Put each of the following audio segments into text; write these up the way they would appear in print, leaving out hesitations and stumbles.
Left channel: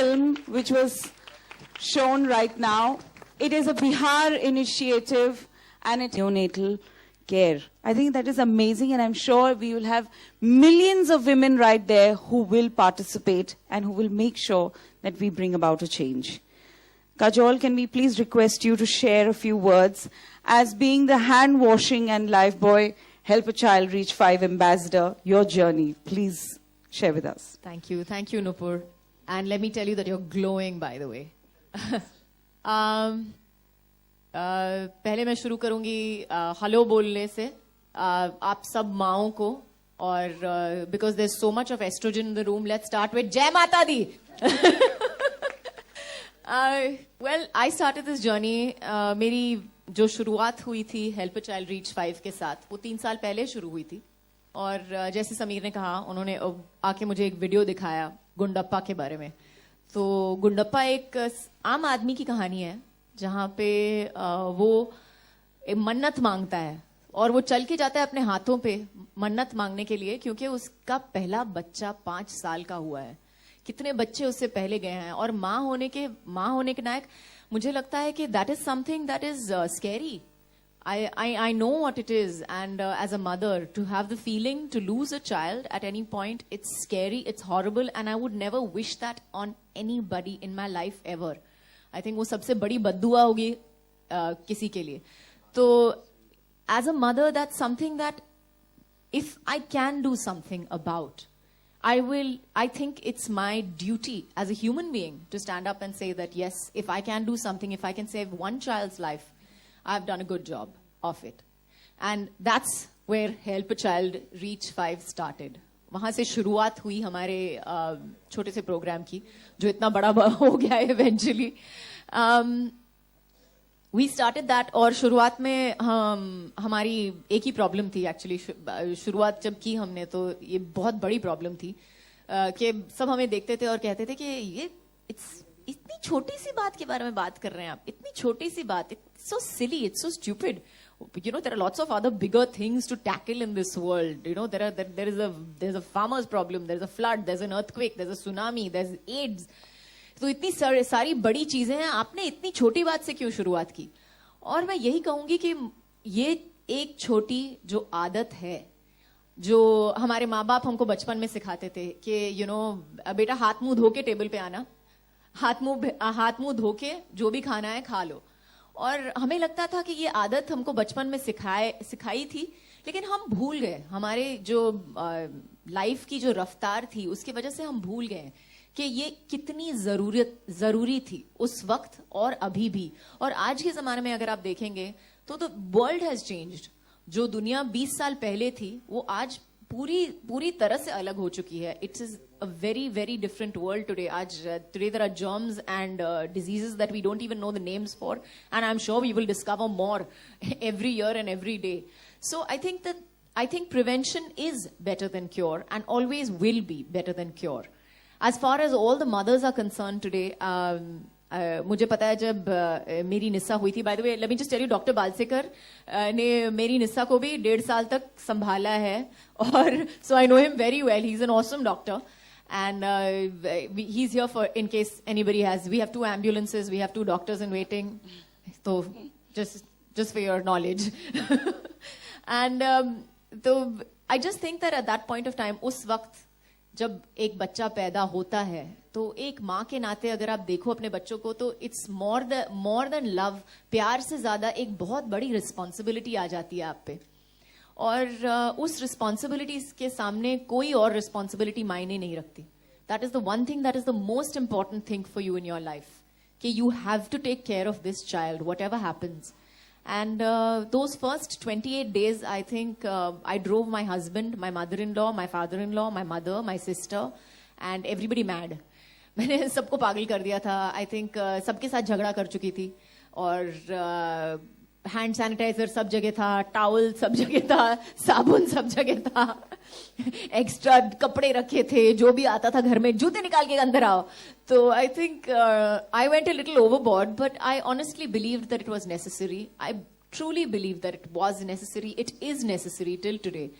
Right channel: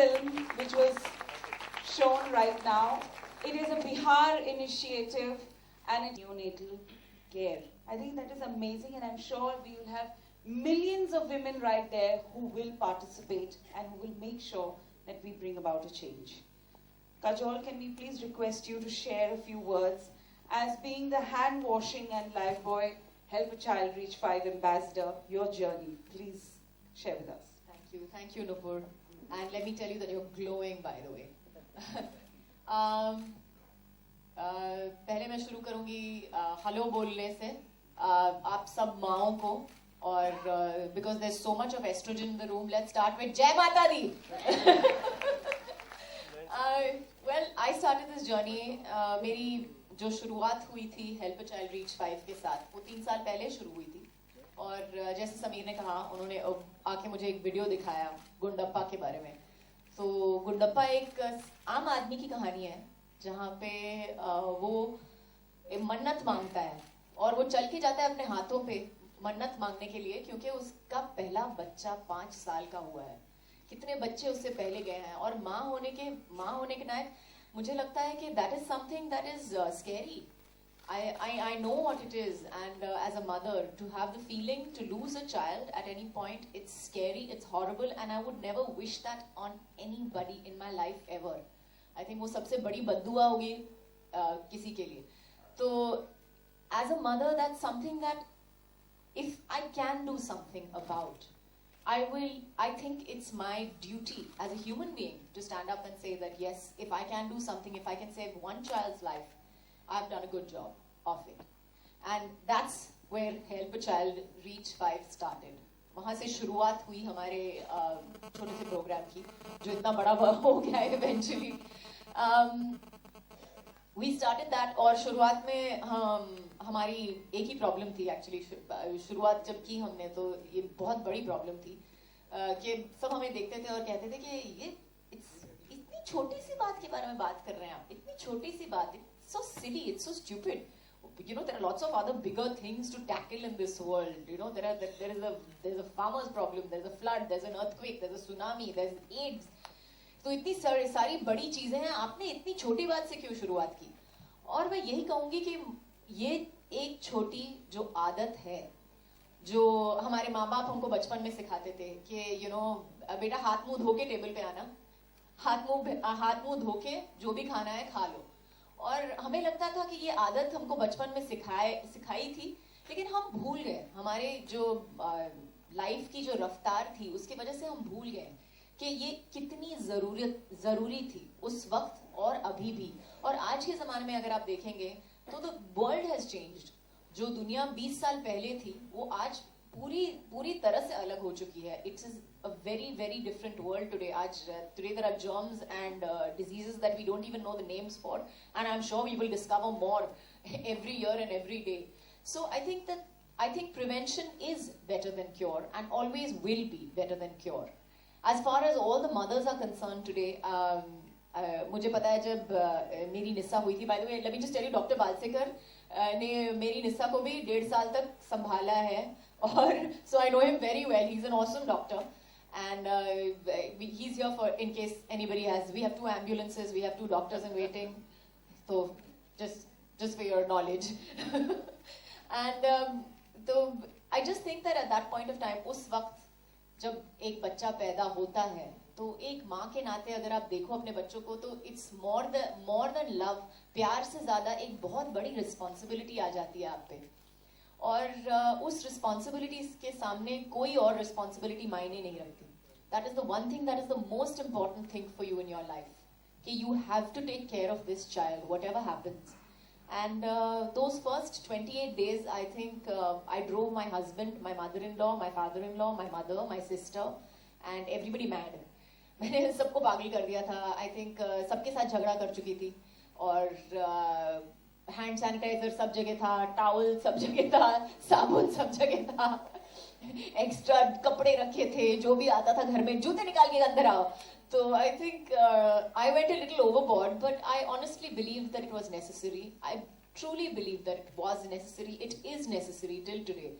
film which was shown right now. It is a Bihar initiative and it's neonatal care. I think that is amazing, and I'm sure we will have millions of women right there who will participate and who will make sure that we bring about a change. Kajol, can we please request you to share a few words as being the hand washing and Lifebuoy Help a Child Reach 5 ambassador, your journey. Please share with us. Thank you, Nupur. And let me tell you that you're glowing, by the way. पहले मैं शुरू करूंगी hello बोलने से आप सब माओं को और because there's so much of estrogen in the room, let's start with Jai Mata Di. Well, I started this journey. मेरी जो शुरुआत हुई थी हेल्प अ चाइल्ड रीच 5 के साथ, वो 3 साल पहले शुरू हुई थी. और जैसे समीर ने कहा, उन्होंने आके मुझे एक वीडियो दिखाया गुंडप्पा के बारे में. तो गुंडप्पा एक आम आदमी की कहानी है जहाँ पे वो मन्नत मांगता है और वो चल के जाता है अपने हाथों पे मन्नत मांगने के लिए, क्योंकि उसका पहला बच्चा 5 साल का हुआ है. कितने बच्चे उससे पहले गए हैं, और माँ होने के नायक मुझे लगता है कि that is something that is scary. I know what it is, and as a mother, to have the feeling to lose a child at any point, it's scary, it's horrible, and I would never wish that on anybody in my life ever. I think वो सबसे बड़ी बद्दुआ होगी किसी के लिए. तो as a mother, that's something that if I can do something about, I think it's my duty as a human being to stand up and say that yes, if I can do something, if I can save one child's life, I've done a good job of it. And that's where Help a Child Reach 5 started. वहाँ से शुरुआत हुई हमारे छोटे से programme की, जो इतना बड़ा हो गया है eventually. We started that, और शुरुआत में हमारी एक ही प्रॉब्लम थी एक्चुअली. शुरुआत जब की हमने तो ये बहुत बड़ी प्रॉब्लम थी कि सब हमें देखते थे और कहते थे कि ये इतनी छोटी सी बात के बारे में बात कर रहे हैं आप, इतनी छोटी सी बात, it's so silly, it's so stupid. You know, there are lots of other bigger things to tackle in this world. You know, there's a farmer's problem, there's a flood, there's an earthquake, there's a tsunami, there's AIDS. तो इतनी सारी बड़ी चीजें हैं, आपने इतनी छोटी बात से क्यों शुरुआत की? और मैं यही कहूंगी कि ये एक छोटी जो आदत है, जो हमारे माँ बाप हमको बचपन में सिखाते थे कि बेटा हाथ मुंह धो के टेबल पे आना, हाथ मुंह धो के जो भी खाना है खा लो. और हमें लगता था कि ये आदत हमको बचपन में सिखाई थी, लेकिन हम भूल गए. हमारे जो लाइफ की जो रफ्तार थी उसकी वजह से हम भूल गए कि ये कितनी जरूरी थी उस वक्त और अभी भी. और आज के जमाने में अगर आप देखेंगे तो द वर्ल्ड हैज चेंज्ड. जो दुनिया 20 साल पहले थी वो आज पूरी तरह से अलग हो चुकी है. It's is a very different world today. Today there are germs and diseases that we don't even know the names for, and I'm sure we will discover more every year and every day. So I think prevention is better than cure, and always will be better than cure. As far as all the mothers are concerned today, मुझे पता है जब मेरी निस्सा हुई थी, by the way, let me just tell you, doctor Balsekar ने मेरी निस्सा को भी 1.5 साल तक संभाला है, और so I know him very well. He's an awesome doctor. And he's here for in case anybody has. We have 2 ambulances, we have 2 doctors in waiting. So just for your knowledge. And so I just think that at that point of time, उस वक्त जब एक बच्चा पैदा होता है, तो एक माँ के नाते अगर आप देखो अपने बच्चों को, तो it's more than love. प्यार से ज्यादा एक बहुत बड़ी रिस्पॉन्सिबिलिटी आ जाती है आप पे. और उस रिस्पॉन्सिबिलिटी के सामने कोई और रिस्पॉन्सिबिलिटी मायने नहीं रखती. That is the one thing that is the most important thing for you in your life, कि you have to take care of this child whatever happens. And those first 28 days, I think I drove my husband, my mother-in-law, my father-in-law, my mother, my sister, and everybody mad. मैंने सबको पागल कर दिया था. I think सबके साथ झगड़ा कर चुकी थी, और हैंड सैनिटाइजर सब जगह था, टॉवल सब जगह था, साबुन सब जगह था, एक्स्ट्रा कपड़े रखे थे, जो भी आता था घर में, जूते निकाल के अंदर आओ. तो I think I went a little overboard, but I honestly believed that it was necessary. I truly believe that it was necessary. It is necessary till today.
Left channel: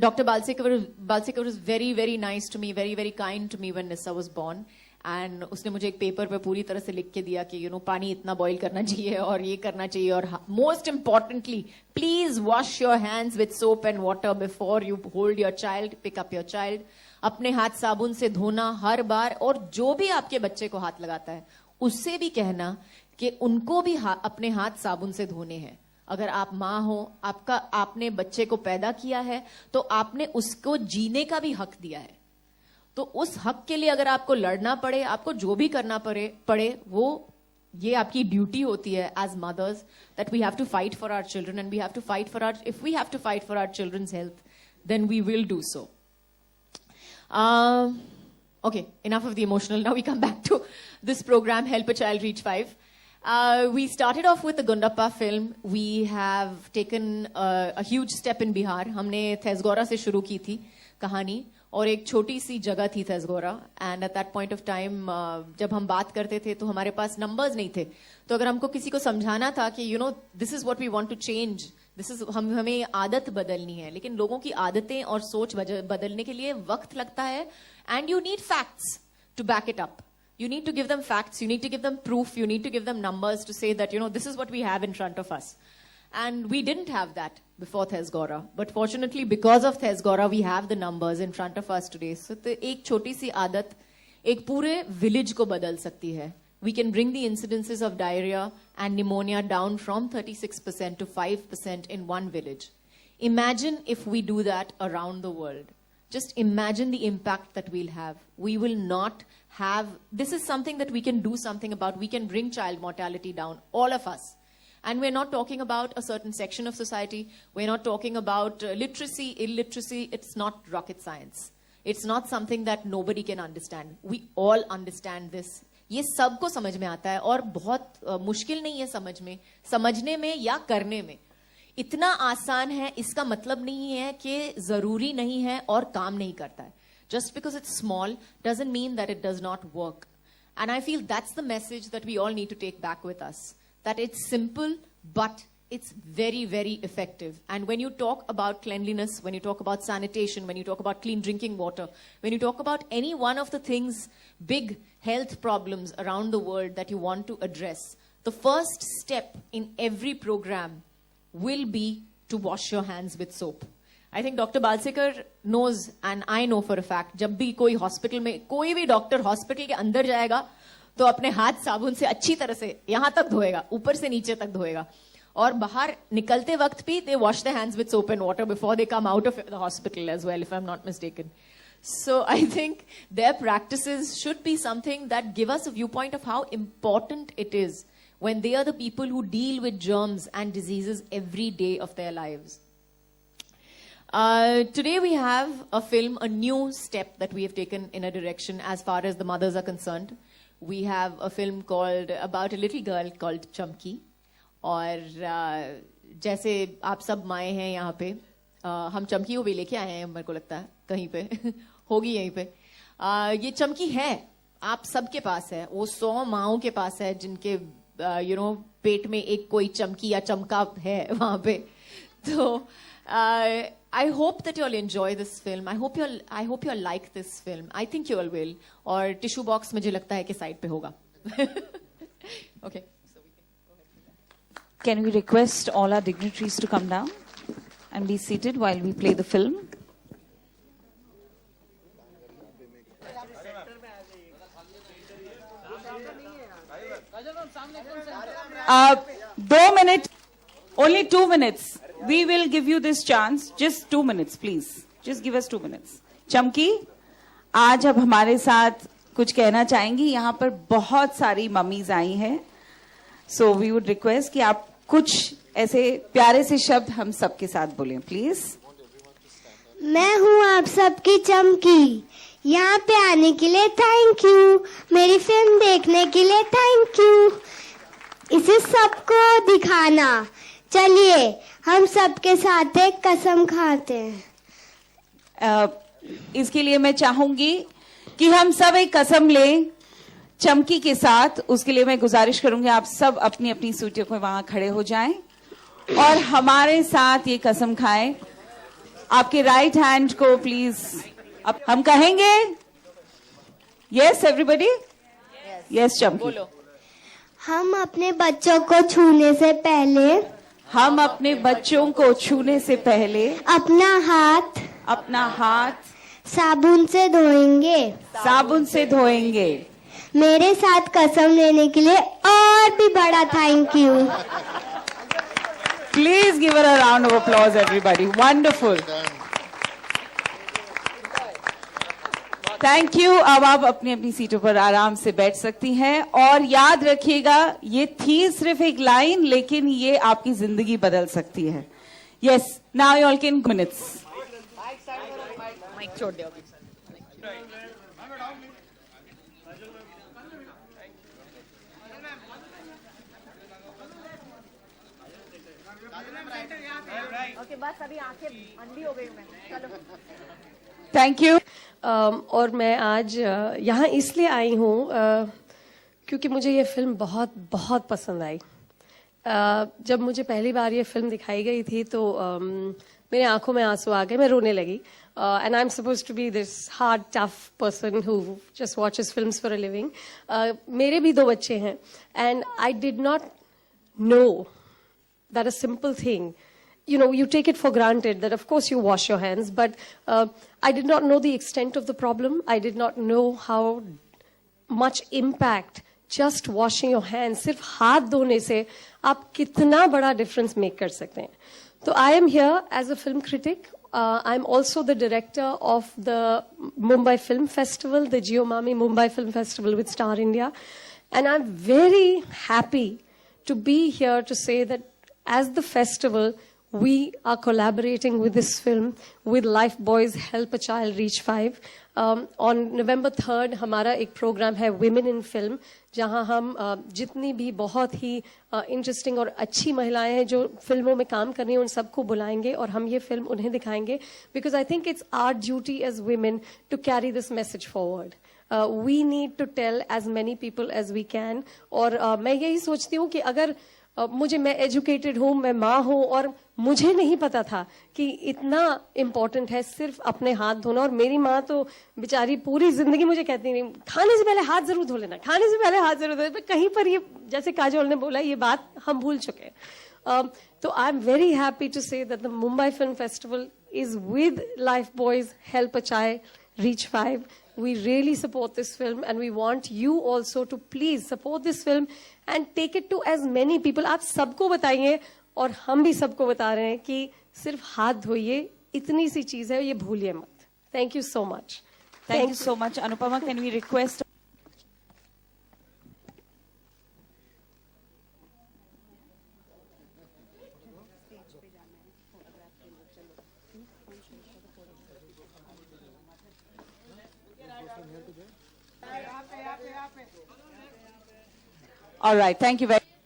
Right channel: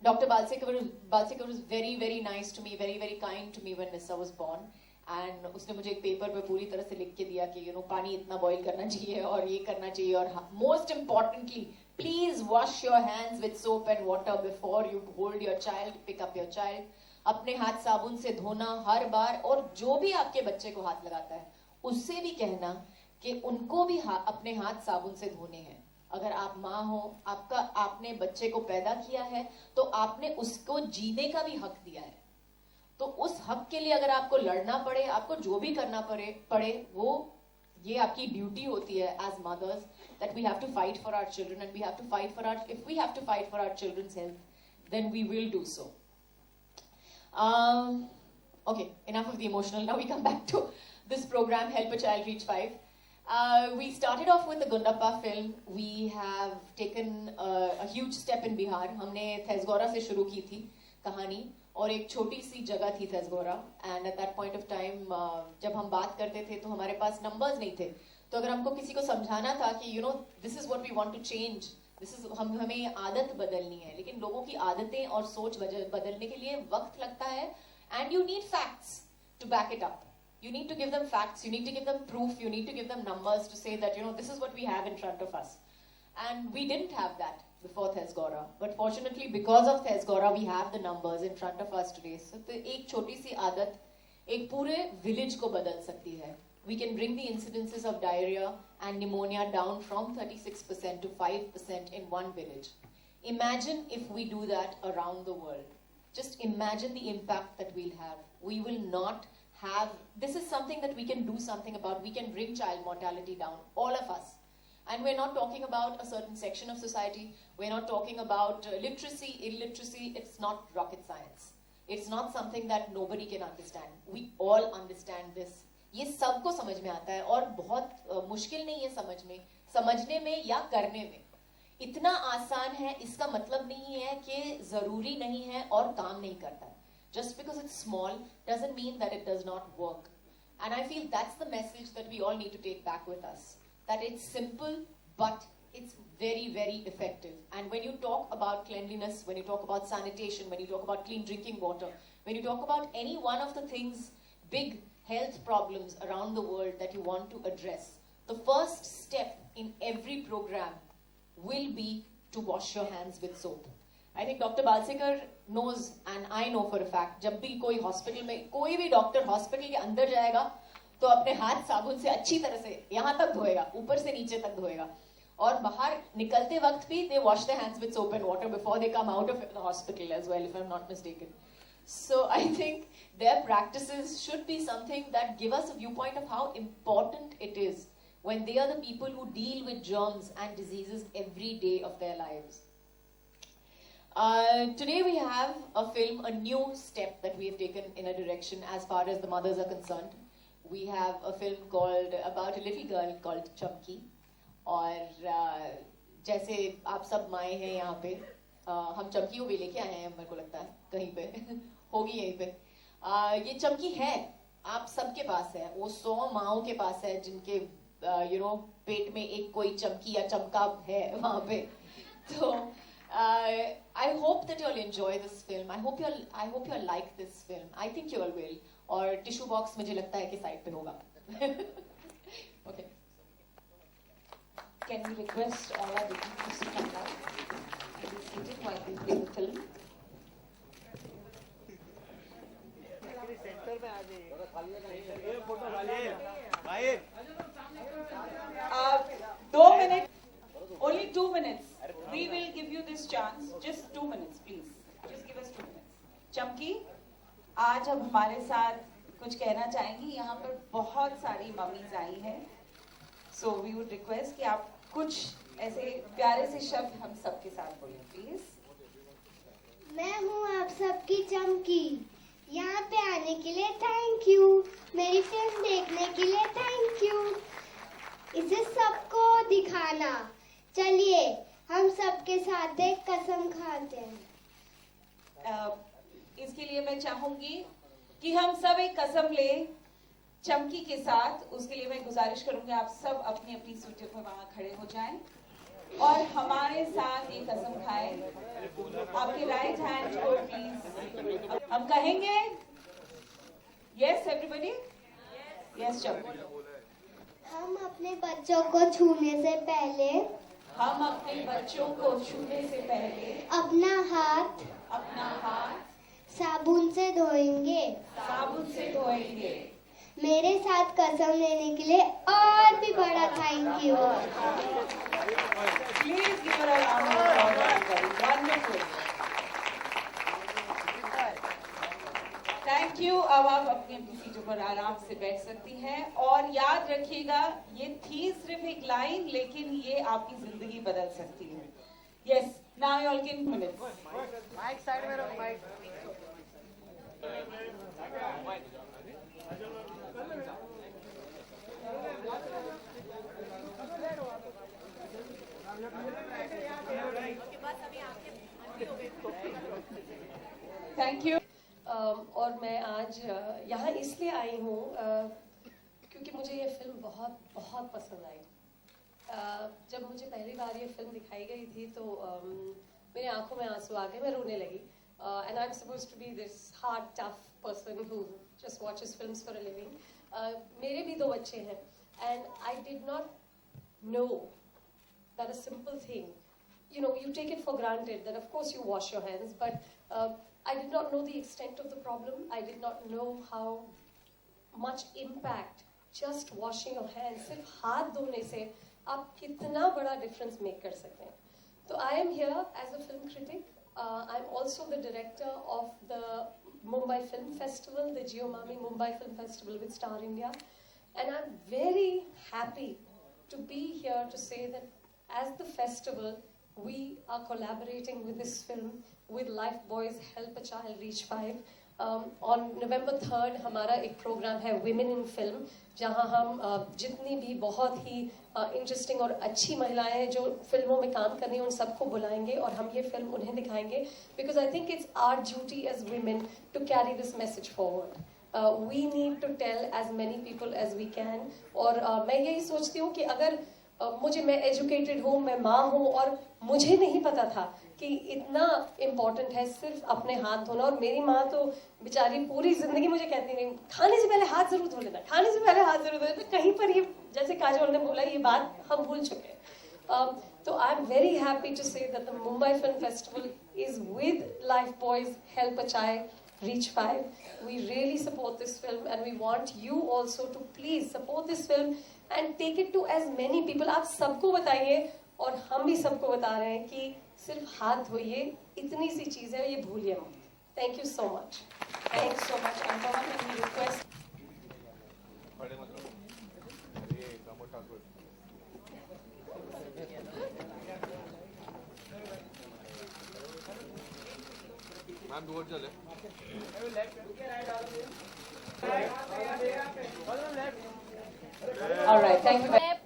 Dr. Balsekar was very, very nice to me, very, very kind to me when Nissa was born. And उसने मुझे एक paper पे पूरी तरह से लिख के दिया कि पानी इतना बॉईल करना चाहिए और ये करना चाहिए और most importantly, please wash your hands with soap and water before you hold your child, pick up your child. अपने हाथ साबुन से धोना हर बार, और जो भी आपके बच्चे को हाथ लगाता है उससे भी कहना कि उनको भी अपने हाथ साबुन से धोने हैं. अगर आप माँ हो, आपने बच्चे को पैदा किया है तो आपने उसको जीने का भी हक दिया है. तो उस हक के लिए अगर आपको लड़ना पड़े, आपको जो भी करना पड़े वो ये आपकी ड्यूटी होती है as mothers, that we have to fight for our children and we have to fight for our, if we have to fight for our children's health then we will do so. Okay, enough of the emotional. Now we come back to this program, Help a Child Reach 5. We started off with the Gundappa film. We have taken a huge step in Bihar. हमने थेसगोरा से शुरू की थी कहानी, और एक छोटी सी जगह थी Thesgora. And at that point of time जब हम बात करते थे तो हमारे पास नंबर्स नहीं थे. तो अगर हमको किसी को समझाना था कि this is what we want to change, this is हमें आदत बदलनी है, लेकिन लोगों की आदतें और सोच बदलने के लिए वक्त लगता है. And you need facts to back it up. You need to give them facts, you need to give them proof, you need to give them numbers to say that, this is what we have in front of us. And we didn't have that before Thesgora. But fortunately, because of Thesgora, we have the numbers in front of us today. So, एक छोटी सी आदत एक पूरे village को बदल सकती है. We can bring the incidences of diarrhea and pneumonia down from 36% to 5% in one village. Imagine if we do that around the world. Just imagine the impact that we'll have. We will not this is something that we can do something about. We can bring child mortality down, all of us. And we're not talking about a certain section of society. We're not talking about literacy, illiteracy. It's not rocket science. It's not something that nobody can understand. We all understand this. ये सबको समझ में आता है और बहुत मुश्किल नहीं है समझने में या करने में. इतना आसान है, इसका मतलब नहीं है कि जरूरी नहीं है और काम नहीं करता है. Just because it's small doesn't mean that it does not work. And I feel that's the message that we all need to take back with us. That it's simple, but it's very, very effective. And when you talk about cleanliness, when you talk about sanitation, when you talk about clean drinking water, when you talk about any one of the things, big health problems around the world that you want to address, the first step in every program will be to wash your hands with soap. I think Dr. Balsekar knows and I know for a fact, जब भी कोई hospital में कोई भी doctor hospital के अंदर जाएगा तो अपने हाथ साबुन से अच्छी तरह से यहाँ तक धोएगा, ऊपर से नीचे तक धोएगा, और बाहर निकलते वक्त भी they wash their hands with soap and water before they come out of the hospital as well, if I'm not mistaken. So I think their practices should be something that give us a viewpoint of how important it is when they are the people who deal with germs and diseases every day of their lives. Today we have a film, a new step that we have taken in a direction as far as the mothers are concerned. We have a film about a little girl called Chamki. और जैसे आप सब माएँ हैं यहाँ पे, हम चमकी को भी लेके आए हैं, मेरे को लगता है कहीं पे होगी यहीं पे. ये चमकी है, आप सबके पास है, वो 100 माँओं के पास है जिनके पेट में एक कोई चमकी या चमका है वहाँ पे. तो I hope that you all enjoy this film. I hope you all like this film. I think you all will. और टिश्यू बॉक्स मुझे लगता है कि साइड पे होगा. Okay. Can we request all our dignitaries to come down and be seated while we play the film? दो minute, only 2 minutes. We will give you this chance. Just 2 minutes, please. Just give us 2 minutes. चमकी, आज अब हमारे साथ कुछ कहना चाहेंगी. यहाँ पर बहुत सारी मम्मीज आई हैं. So we would request कि आप कुछ ऐसे प्यारे से शब्द हम सबके साथ बोलें, प्लीज. मैं हूँ आप सबकी चमकी. यहाँ पे आने के लिए थैंक यू. मेरी फिल्म देखने के लिए थैंक यू. इसे सबको दिखाना. चलिए हम सबके साथ एक कसम खाते हैं. इसके लिए मैं चाहूंगी कि हम सब एक कसम लें चमकी के साथ. उसके लिए मैं गुजारिश करूंगी आप सब अपनी अपनी सीटों पर वहां खड़े हो जाएं और हमारे साथ ये कसम खाएं. आपके राइट हैंड को प्लीज अब हम कहेंगे यस एवरीबडी यस चंपी बोलो हम अपने बच्चों को छूने से पहले हम अपने बच्चों को छूने से पहले अपना हाथ साबुन से धोएंगे मेरे साथ कसम लेने के लिए और भी बड़ा thank you please give a round of applause everybody wonderful thank you अब आप अपनी अपनी सीटों पर आराम से बैठ सकती हैं और याद रखिएगा ये थी सिर्फ एक लाइन लेकिन ये आपकी जिंदगी बदल सकती है yes now you all can minutes mic छोड़ दो थैंक यू और मैं आज यहाँ इसलिए आई हूँ क्योंकि मुझे ये फिल्म बहुत बहुत पसंद आई जब मुझे पहली बार ये फिल्म दिखाई गई थी तो मेरे आंखों में आंसू आ गए मैं रोने लगी and I am suppose to be this hard tough person who just watches films for a living मेरे भी 2 बच्चे हैं and I did not know that a simple thing you know, you take it for granted that of course you wash your hands, but I did not know the extent of the problem. I did not know how much impact just washing your hands, सिर्फ हाथ धोने से आप कितना बड़ा difference make कर सकते हैं. So I am here as a film critic. I am also the director of the Mumbai Film Festival, the Geomami Mumbai Film Festival with Star India. And I'm very happy to be here to say that as the festival, we are collaborating with this film with Lifebuoys Help a Child Reach 5. On November 3rd, हमारा एक programme है Women in Film, जहाँ हम जितनी भी बहुत ही interesting और अच्छी महिलाएं हैं जो फिल्मों में काम कर रही हैं उन सबको बुलाएंगे और हम ये फिल्म उन्हें दिखाएंगे because I think it's our duty as women to carry this message forward. We need to tell as many people as we can. और मैं यही सोचती हूँ कि अगर मैं एजुकेटेड हूँ मैं माँ हूँ और मुझे नहीं पता था कि इतना इम्पोर्टेंट है सिर्फ अपने हाथ धोना और मेरी माँ तो बेचारी पूरी जिंदगी मुझे कहती नहीं खाने से पहले हाथ जरूर धो लेना खाने से पहले हाथ जरूर धो लेना कहीं पर ये जैसे काजोल ने बोला ये बात हम भूल चुके तो I am very happy to say that the Mumbai film festival is with Lifebuoys Help a Child Reach 5. We really support this film and we want you also to please support this film and take it to as many people. आप सबको बताइए और हम भी सबको बता रहे हैं कि सिर्फ हाथ धोइए इतनी सी चीज है ये भूलिए मत. Thank you so much. Thank you so much. Anupama, can we request? All right, thank you very much.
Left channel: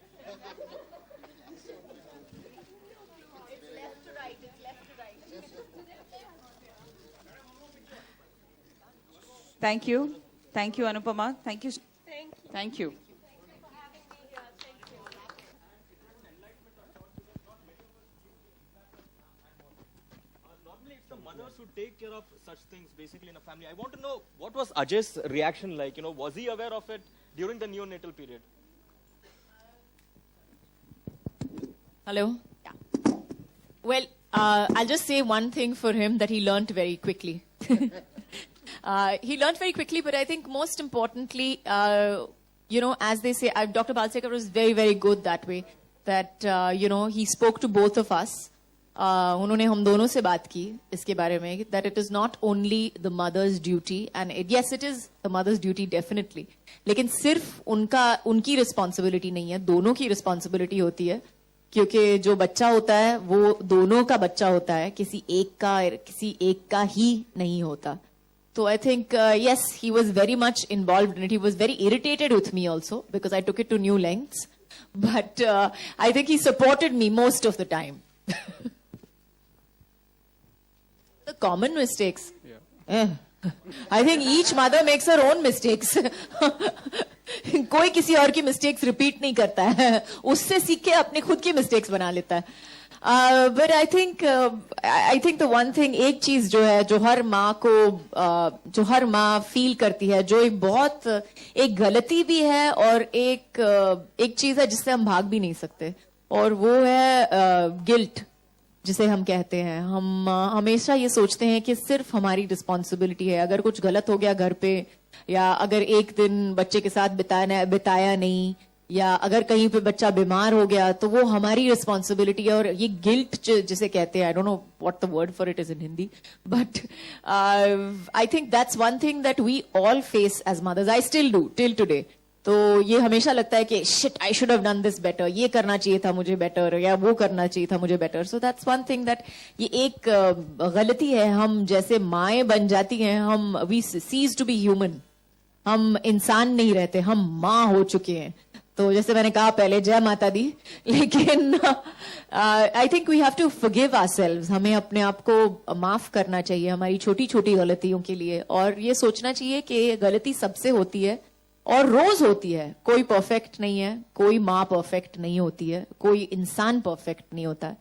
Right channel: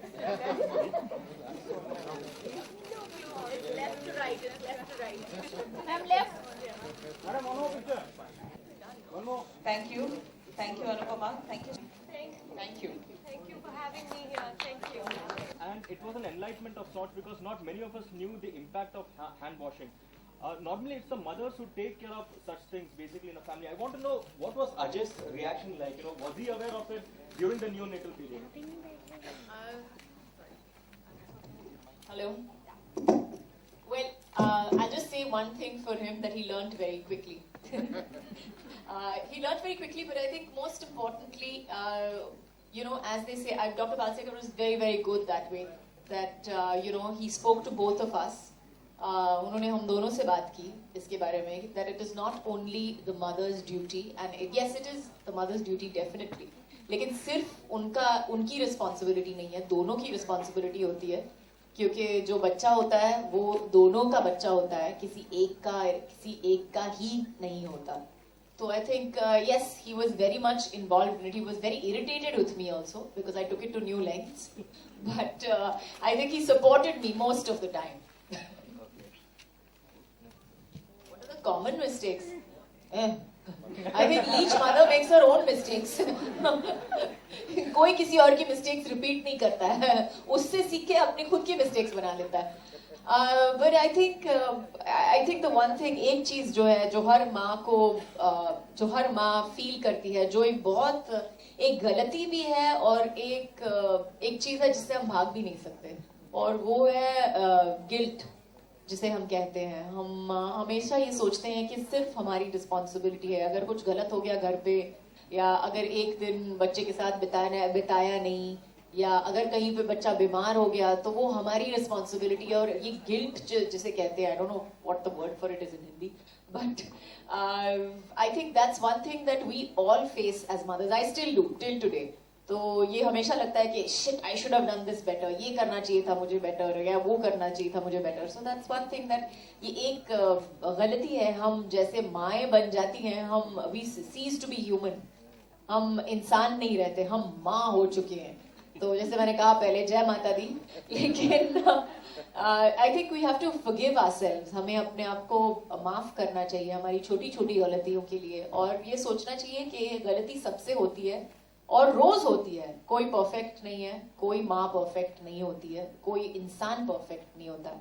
Thank you. Thank you, Anupama. Thank you. Thank you. Thank you for having me here. Thank you. And it was an enlightenment of sorts because not many of us knew the impact of hand washing. Normally it's the mothers who take care of such things basically in a family. I want to know what was Ajay's reaction like? You know, was he aware of it during the neonatal period? Hello. Well, I'll just say one thing for him that he learnt very quickly. He learnt very quickly, but I think most importantly, you know, as they say, Dr. Balsekar was very, very good that way. That, you know, he spoke to both of us. उन्होंने हम दोनों से बात की इसके बारे में that it is not only the mother's duty and yes it is the mother's duty definitely लेकिन सिर्फ उनकी responsibility नहीं है दोनों की responsibility होती है क्योंकि जो बच्चा होता है वो दोनों का बच्चा होता है किसी एक का ही नहीं होता So I think, yes, he was very much involved in it. He was very irritated with me also because I took it to new lengths. But I think he supported me most of the time. What are the common mistakes? Yeah. I think each mother makes her own mistakes. कोई किसी और की mistakes repeat नहीं करता है. उससे सीख के अपने खुद की mistakes बना लेता है. But I think the one thing, एक चीज जो है जो हर माँ को जो हर माँ फील करती है, जो एक बहुत एक गलती भी है और एक चीज है जिससे हम भाग भी नहीं सकते, और वो है गिल्ट जिसे हम कहते हैं. हम हमेशा ये सोचते हैं कि सिर्फ हमारी रिस्पॉन्सिबिलिटी है. अगर कुछ गलत हो गया घर पे, या अगर एक दिन बच्चे के साथ बिताया नहीं, या अगर कहीं पे बच्चा बीमार हो गया, तो वो हमारी रिस्पॉन्सिबिलिटी है. और ये गिल्ट जिसे कहते हैं, I don't know what the word for it is in Hindi, but I think that's one thing that we all face as mothers. I still do till today. तो ये हमेशा लगता है कि shit, I should have done this better, ये करना चाहिए था मुझे बेटर, या वो करना चाहिए था मुझे better. So that's one thing that ये एक गलती है. हम जैसे माएं बन जाती हैं, हम we cease to be human. हम इंसान नहीं रहते, हम माँ हो चुके हैं. तो जैसे मैंने कहा पहले, जय माता दी. लेकिन I think we have to forgive ourselves. हमें अपने आप को माफ करना चाहिए हमारी छोटी छोटी गलतियों के लिए, और ये सोचना चाहिए कि गलती सबसे होती है और रोज होती है. कोई परफेक्ट नहीं है, कोई माँ परफेक्ट नहीं होती है, कोई इंसान परफेक्ट नहीं होता.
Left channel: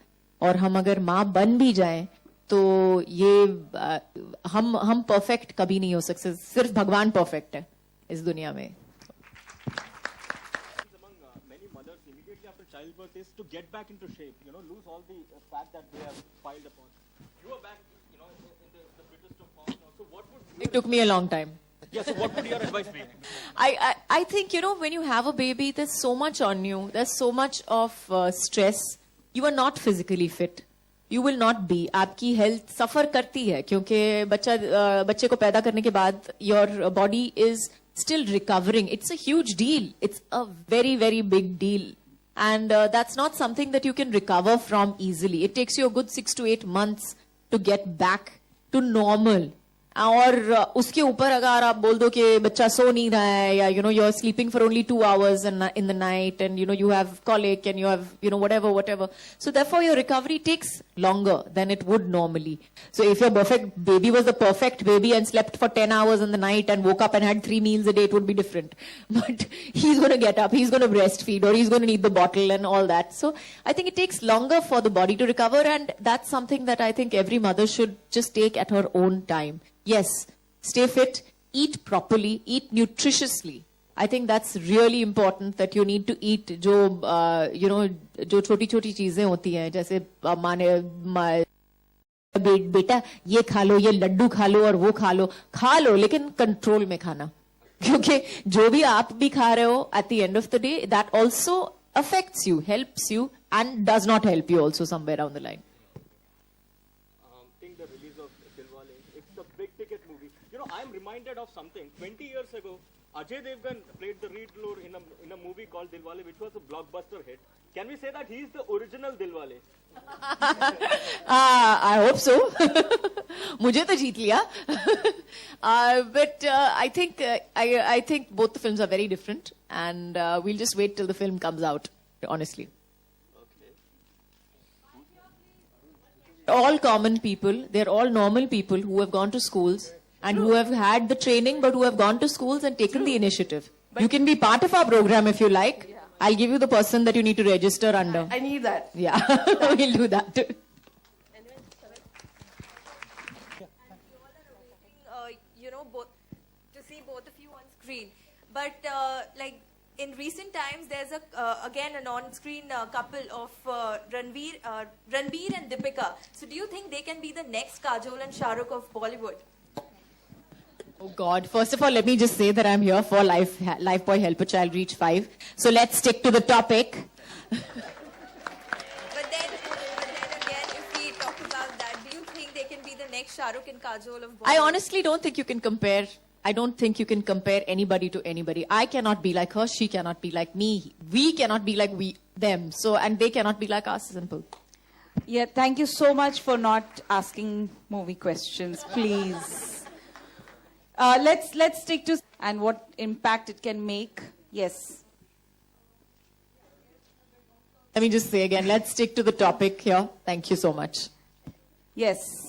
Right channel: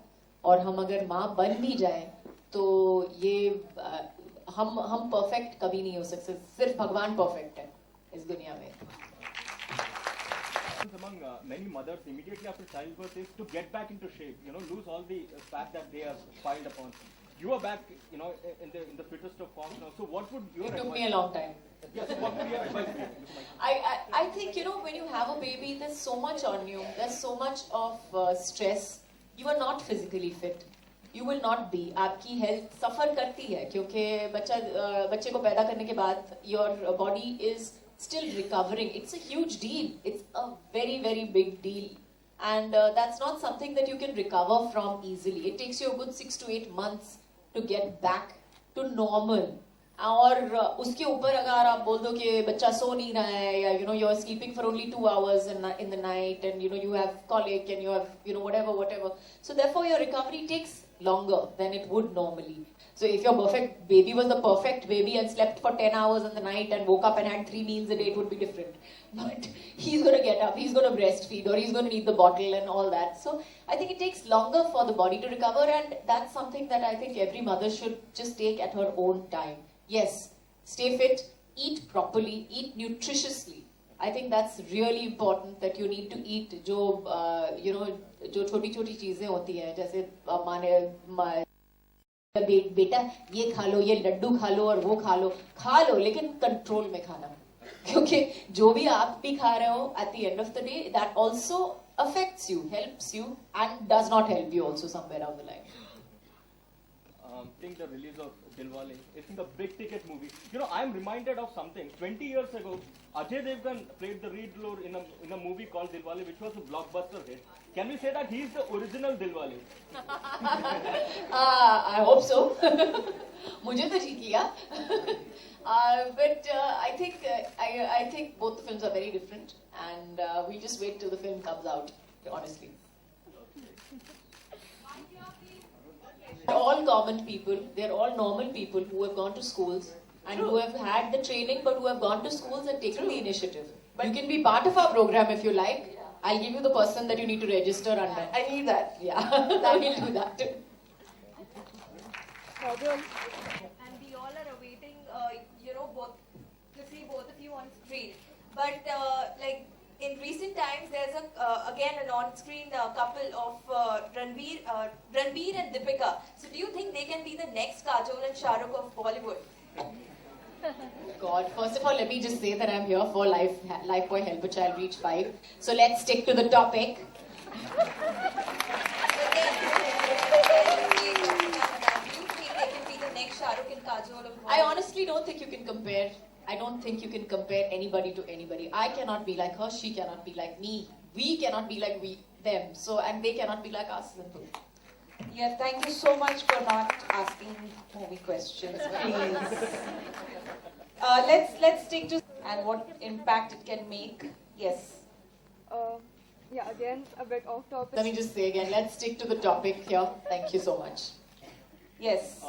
और हम अगर माँ बन भी जाएं तो ये हम परफेक्ट कभी नहीं हो सकते. सिर्फ भगवान परफेक्ट है इस दुनिया में. Among many mothers immediately after childbirth is to get back into shape, lose all the fat that they have piled upon. You are back, in the fittest of form now. So what would It took me a long time. Yes, what would your advice be? I think, when you have a baby, there's so much on you. There's so much of stress. You are not physically fit. You will not be. आपकी health suffer करती है, क्योंकि बच्चे को पैदा करने के बाद your body is still recovering. It's a huge deal. It's a very, very big deal. And that's not something that you can recover from easily. It takes you a good 6 to 8 months to get back to normal. और उसके ऊपर अगर आप बोल दो कि बच्चा सो नहीं रहा है, या you're sleeping for only 2 hours in the night, and you have colic, and you have whatever. So therefore your recovery takes longer than it would normally. So if your perfect baby was the perfect baby and slept for 10 hours in the night and woke up and had 3 meals a day, it would be different. But he's going to get up, he's going to breastfeed, or he's going to need the bottle and all that. So I think it takes longer for the body to recover, and that's something that I think every mother should just take at her own time. Yes, stay fit, eat properly, eat nutritiously. I think that's really important, that you need to eat जो जो छोटी छोटी चीजें होती हैं, जैसे बेटा ये खा लो, ये लड्डू खा लो, और वो खा लो लेकिन कंट्रोल में खाना. क्योंकि जो भी आप भी खा रहे हो, at the end of the day, that also affects you, helps you, and does not help you also somewhere down the line. Seeing the release of Dilwale, it's a big ticket movie. I'm reminded of something. 20 years ago, Ajay Devgan played the lead role in a movie called Dilwale, which was a blockbuster hit. Can we say that he is the original Dilwale? I hope so. मुझे तो जीत लिया. But I think both the films are very different, and we'll just wait till the film comes out, honestly. All common people, they're all normal people who have gone to schools and who have had the training, but who have gone to schools and taken the initiative. You can be part of our program if you like. I'll give you the person that you need to register under. I need that. Yeah, we'll do that. And we all are awaiting, both to see both of you on screen. But in recent times, there's again an on-screen couple of Ranbir and Deepika. So do you think they can be the next Kajol and Shah Rukh of Bollywood? Oh God, first of all, let me just say that I'm here for Lifebuoy Help a Child Reach 5. So let's stick to the topic. But then, do you think they can be the next Shah Rukh and Kajol of Bollywood? I honestly don't think you can compare. I don't think you can compare anybody to anybody. I cannot be like her. She cannot be like me. We cannot be like them. So, and they cannot be like us. Simple. Yeah, thank you so much for not asking movie questions, please. Let's stick to and what impact it can make. Yes. Yeah, again, a bit off topic. Let me just say again, let's stick to the topic here. Thank you so much. Yes.